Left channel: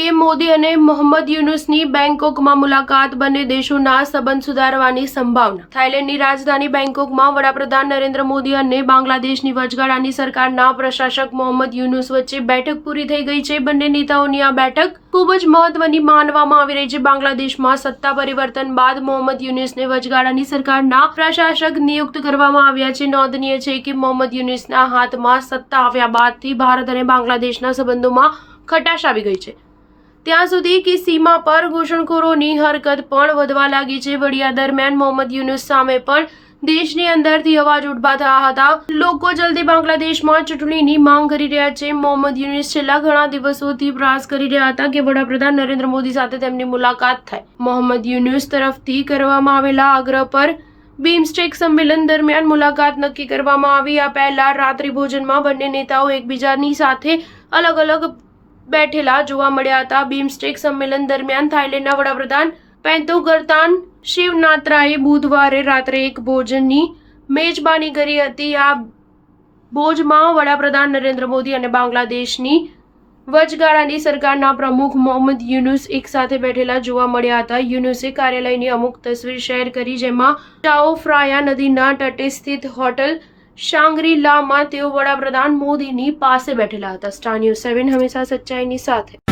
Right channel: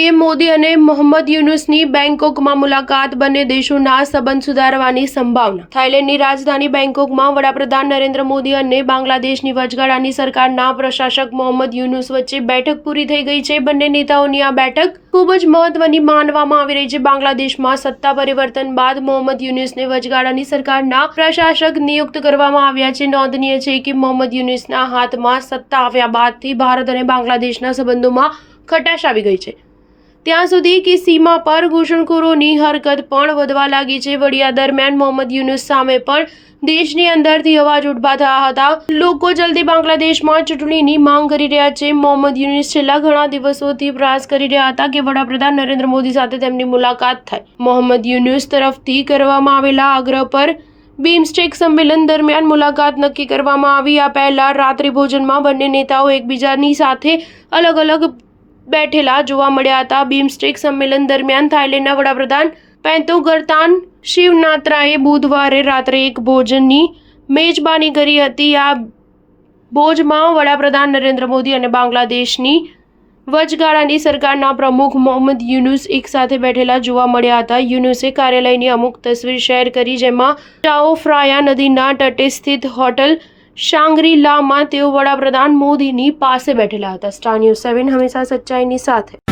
PM Modi અને મોહમ્મદ યુનુસની બેંકોકમાં મુલાકાત, બંને દેશોના સંબંધ સુધારવાની સંભાવના। થાઈલેન્ડની રાજધાની બેંકોકમાં વડાપ્રધાન નરેન્દ્ર મોદી અને બાંગ્લાદેશની વચગાળાની સરકારના પ્રશાસક મોહમ્મદ યુનુસ વચ્ચે બેઠક પૂરી થઈ ગઈ છે। બંને નેતાઓની આ બેઠક ખૂબ જ મહત્વની માનવામાં આવી રહી છે। બાંગ્લાદેશમાં સત્તા પરિવર્તન બાદ મોહમ્મદ યુનુસને વચગાળાની સરકારના પ્રશાસક નિયુક્ત કરવામાં આવ્યા છે। નોંધનીય છે કે મોહમ્મદ યુનુસના હાથમાં સત્તા આવ્યા બાદથી ભારત અને બાંગ્લાદેશના સંબંધોમાં ખટાશ આવી ગઈ છે। ત્યાં સુધી કે સીમા પર ઘૂસણખોરોની હરકત પણ વધવા લાગી છે। વળી આ દરમિયાન મોહમ્મદ યુનુસ સામે પણ દેશની અંદરથી અવાજ ઉઠવા થયા હતા। લોકો જલ્દી બાંગ્લાદેશમાં ચૂંટણીની માંગ કરી રહ્યા છે। મોહમ્મદ યુનુસ છેલ્લા ઘણા દિવસોથી પ્રયાસ કરી રહ્યા હતા કે વડાપ્રધાન નરેન્દ્ર મોદી સાથે તેમની મુલાકાત થાય। મોહમ્મદ યુનુસ તરફથી કરવામાં આવેલા આગ્રહ પર બીમસ્ટેક સંમેલન દરમિયાન મુલાકાત નક્કી કરવામાં આવી। આ પહેલા રાત્રિ ભોજનમાં બંને નેતાઓ એકબીજાની સાથે અલગ અલગ બેઠેલા જોવા મળ્યા હતા। બીમસ્ટેક સંમેલન દરમિયાન થાઈલેન્ડના વડાપ્રધાન પેંતોગરતાન શિવનાત્રાએ બુધવારે રાત્રે એક ભોજનની મેજબાની કરી હતી। આ ભોજમાં વડાપ્રધાન નરેન્દ્ર મોદી અને બાંગ્લાદેશની વચગાળાની સરકારના પ્રમુખ મોહમ્મદ યુનુસ એક સાથે બેઠેલા જોવા મળ્યા હતા। યુનુસે કાર્યાલયની અમુક તસવીર શેર કરી, જેમાં ચાઓ ફ્રાયા નદીના તટે સ્થિત હોટલ શાંગ્રી-લામાં તેઓ વડાપ્રધાન મોદીની પાસે બેઠેલા હતા। સ્ટાર ન્યૂઝ 7 હંમેશા સચ્ચાઈની સાથે।